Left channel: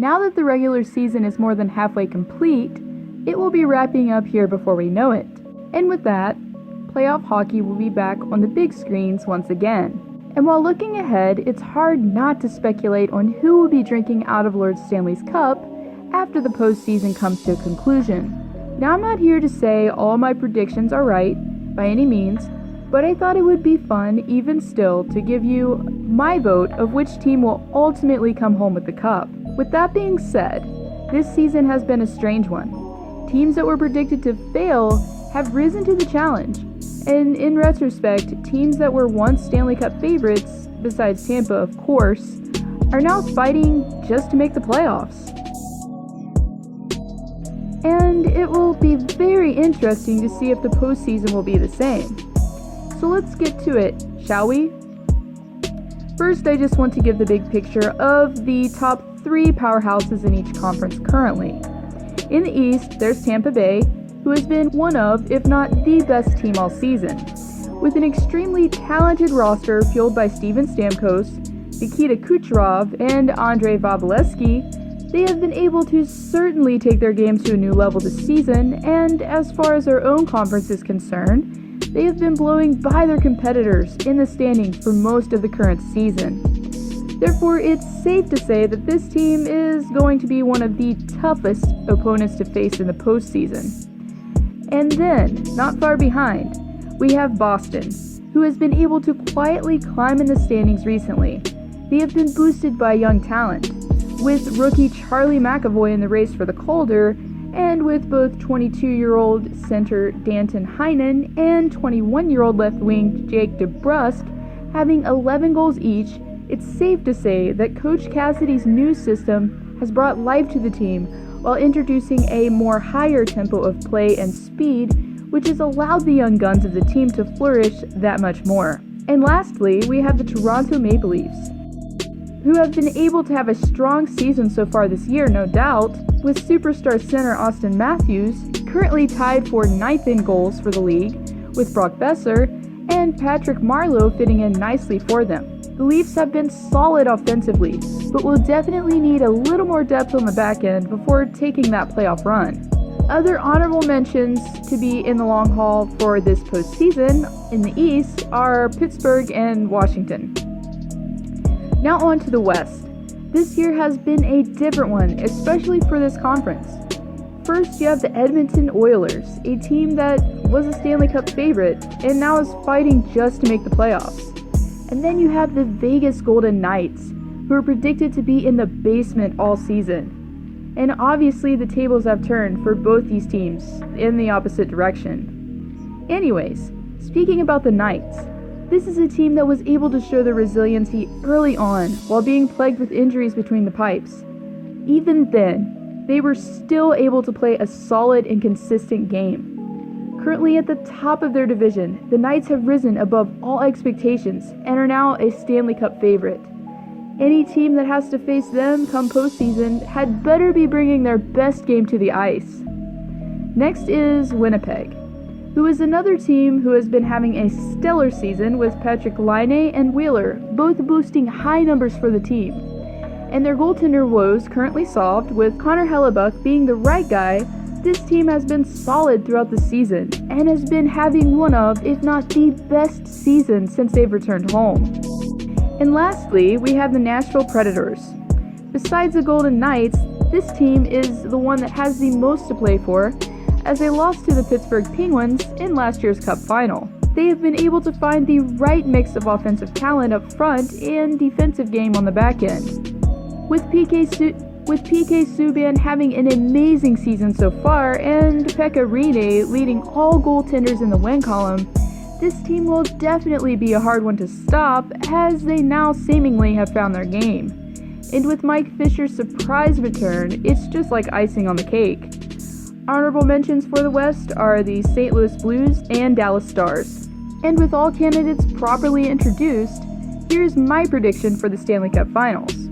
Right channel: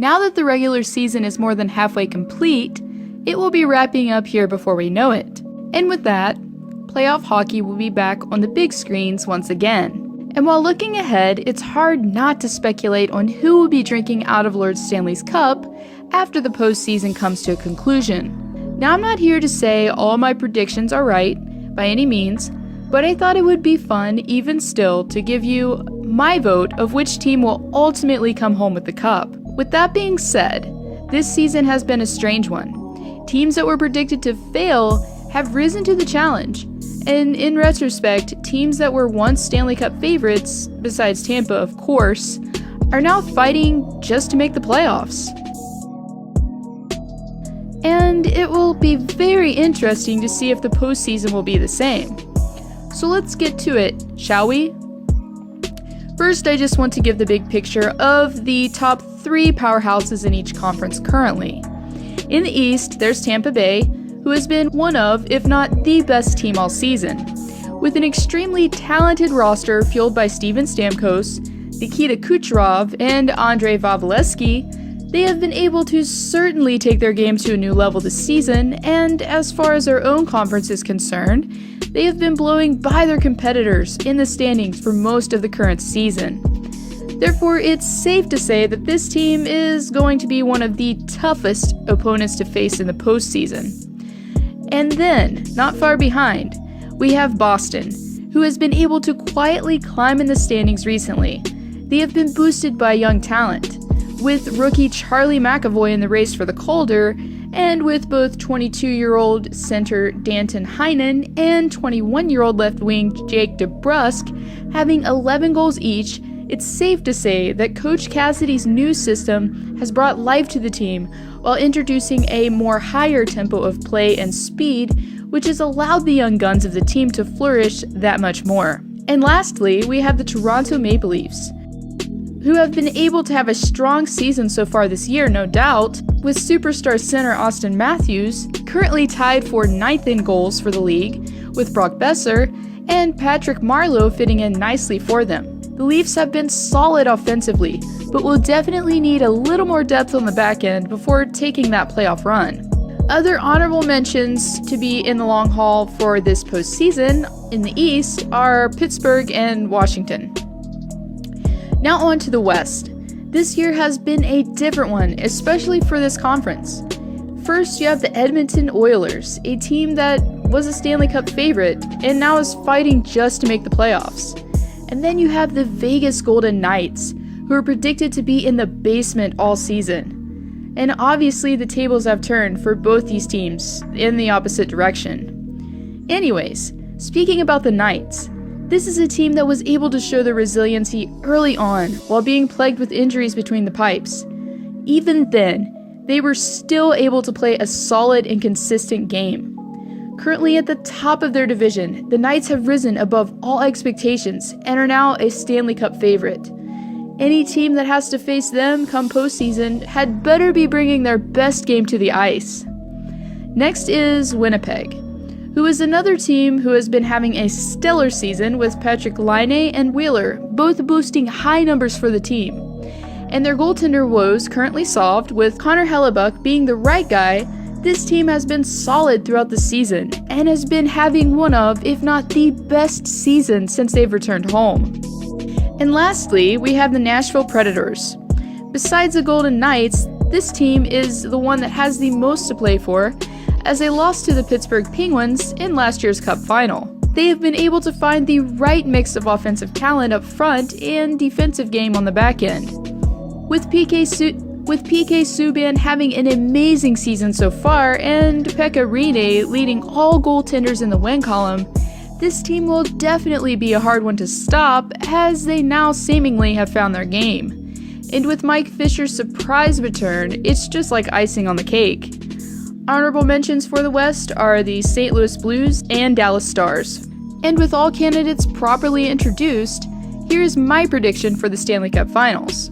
Now that the regular season is more than halfway complete, it will be wrapping up here before we know it. And with that, playoff hockey will be back on the big screens once again. And while looking ahead, it's hard not to speculate on who will be drinking out of Lord Stanley's Cup after the postseason comes to a conclusion. Now, I'm not here to say all my predictions are right, by any means, but I thought it would be fun, even still, to give you my vote of which team will ultimately come home with the cup. With that being said, this season has been a strange one. Teams that were predicted to fail have risen to the challenge, and in retrospect, teams that were once Stanley Cup favorites, besides Tampa of course, are now fighting just to make the playoffs. And it will be very interesting to see if the postseason will be the same. So let's get to it, shall we? First, I just want to give the big picture of the top 3 powerhouses in each conference currently. In the East, there's Tampa Bay, who has been one of, if not the best team all season. With an extremely talented roster fueled by Steven Stamkos, Nikita Kucherov, and Andrei Vasilevskiy, they have been able to certainly take their game to a new level this season, and as far as their own conference is concerned, they have been blowing by their competitors in the standings for most of the current season. Therefore, it's safe to say that this team is going to be one of the toughest opponents to face in the postseason. And then, not far behind, we have Boston, who has been able to quietly climb in the standings recently. They have been boosted by young talent, with rookie Charlie McAvoy in the race for the Calder, and with both 22-year-old center Danton Heinen and 21-year-old left wing Jake DeBrusk having 11 goals each. It's safe to say that Coach Cassidy's new system has brought life to the team while introducing a more higher tempo of play and speed, which has allowed the young guns of the team to flourish that much more. And lastly, we have the Toronto Maple Leafs, who have been able to have a strong season so far this year, no doubt, with superstar center Austin Matthews currently tied for 9th in goals for the league, with Brock Besser and Patrick Marleau fitting in nicely for them. The Leafs have been solid offensively, but will definitely need a little more depth on the back end before taking that playoff run. Other honorable mentions to be in the long haul for this postseason in the East are Pittsburgh and Washington. Now on to the West. This year has been a different one, especially for this conference. First, you have the Edmonton Oilers, a team that was a Stanley Cup favorite and now is fighting just to make the playoffs. And then you have the Vegas Golden Knights, who are predicted to be in the basement all season. And obviously the tables have turned for both these teams in the opposite direction. Anyways, speaking about the Knights, this is a team that was able to show their resiliency early on while being plagued with injuries between the pipes. Even then, they were still able to play a solid and consistent game. Currently at the top of their division, the Knights have risen above all expectations and are now a Stanley Cup favorite. Any team that has to face them come postseason had better be bringing their best game to the ice. Next is Winnipeg, who is another team who has been having a stellar season with Patrick Laine and Wheeler both boosting high numbers for the team. And their goaltender woes currently solved, with Connor Hellebuck being the right guy. This team has been solid throughout the season and has been having one of, if not the best season since they've returned home. And lastly, we have the Nashville Predators. Besides the Golden Knights, this team is the one that has the most to play for, as they lost to the Pittsburgh Penguins in last year's Cup final. They have been able to find the right mix of offensive talent up front and defensive game on the back end. With PK Subban having an amazing season so far, and Pekka Rinne leading all goaltenders in the win column, this team will definitely be a hard one to stop, as they now seemingly have found their game. And with Mike Fisher's surprise return, it's just like icing on the cake. Honorable mentions for the West are the St. Louis Blues and Dallas Stars. And with all candidates properly introduced, here's my prediction for the Stanley Cup Finals.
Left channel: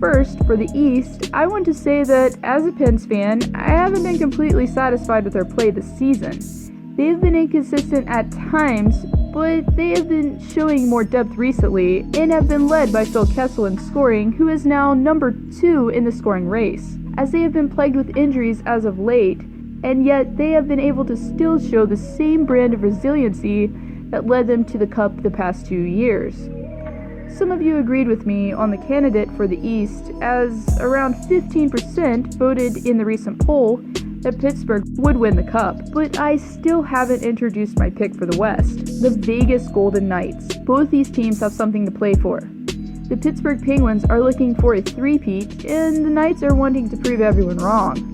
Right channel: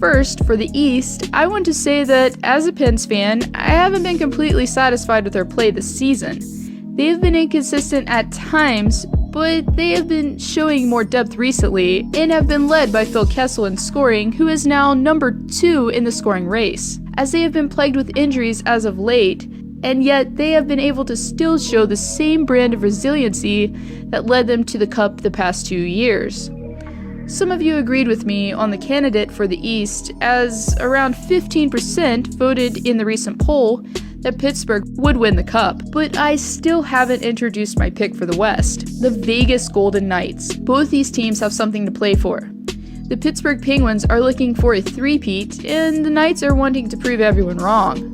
First, for the East, I want to say that as a Pens fan, I haven't been completely satisfied with their play this season. They have been inconsistent at times, but they have been showing more depth recently and have been led by Phil Kessel in scoring, who is now number 2 in the scoring race, as they have been plagued with injuries as of late, and yet they have been able to still show the same brand of resiliency that led them to the Cup the past 2 years. Some of you agreed with me on the candidate for the East, as around 15% voted in the recent poll that Pittsburgh would win the Cup, but I still haven't introduced my pick for the West, the Vegas Golden Knights. Both these teams have something to play for. The Pittsburgh Penguins are looking for a three-peat, and the Knights are wanting to prove everyone wrong.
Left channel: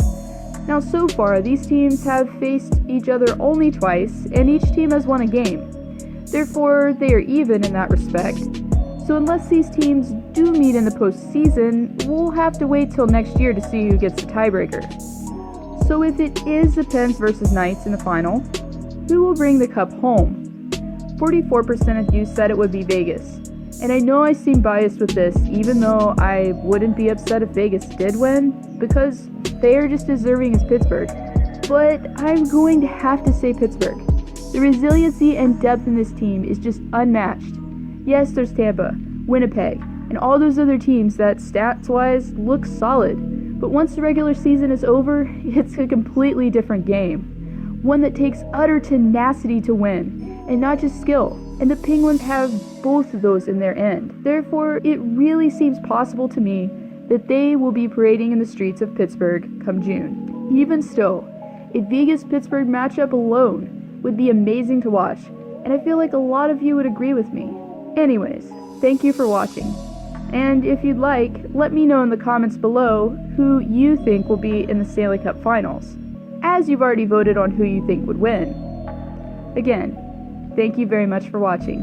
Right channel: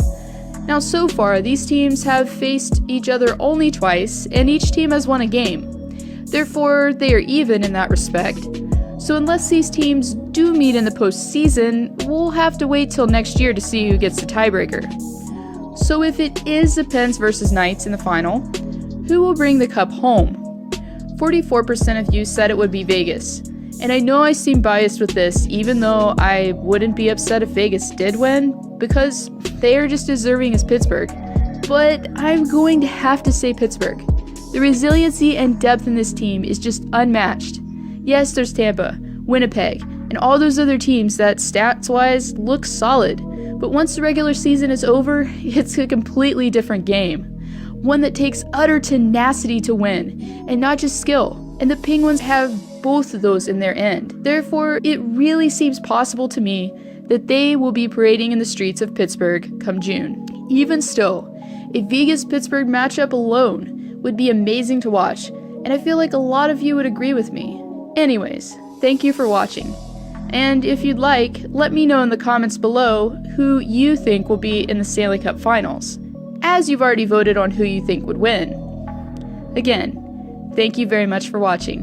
Now, so far, these teams have faced each other only twice, and each team has won a game. Therefore, they are even in that respect. So unless these teams do meet in the postseason, we'll have to wait till next year to see who gets the tiebreaker. So if it is the Pens versus Knights in the final, who will bring the Cup home? 44% of you said it would be Vegas. And I know I seem biased with this, even though I wouldn't be upset if Vegas did win, because they are just as deserving as Pittsburgh. But I'm going to have to say Pittsburgh. The resiliency and depth in this team is just unmatched. Yes, there's Tampa, Winnipeg, and all those other teams that stats-wise look solid. But once the regular season is over, it's a completely different game. One that takes utter tenacity to win, and not just skill. And the Penguins have both of those in their end. Therefore, it really seems possible to me that they will be parading in the streets of Pittsburgh come June. Even still, a Vegas-Pittsburgh matchup alone would be amazing to watch, and I feel like a lot of you would agree with me. Anyways, thank you for watching. And if you'd like, let me know in the comments below who you think will be in the Stanley Cup Finals, as you've already voted on who you think would win. Again, thank you very much for watching.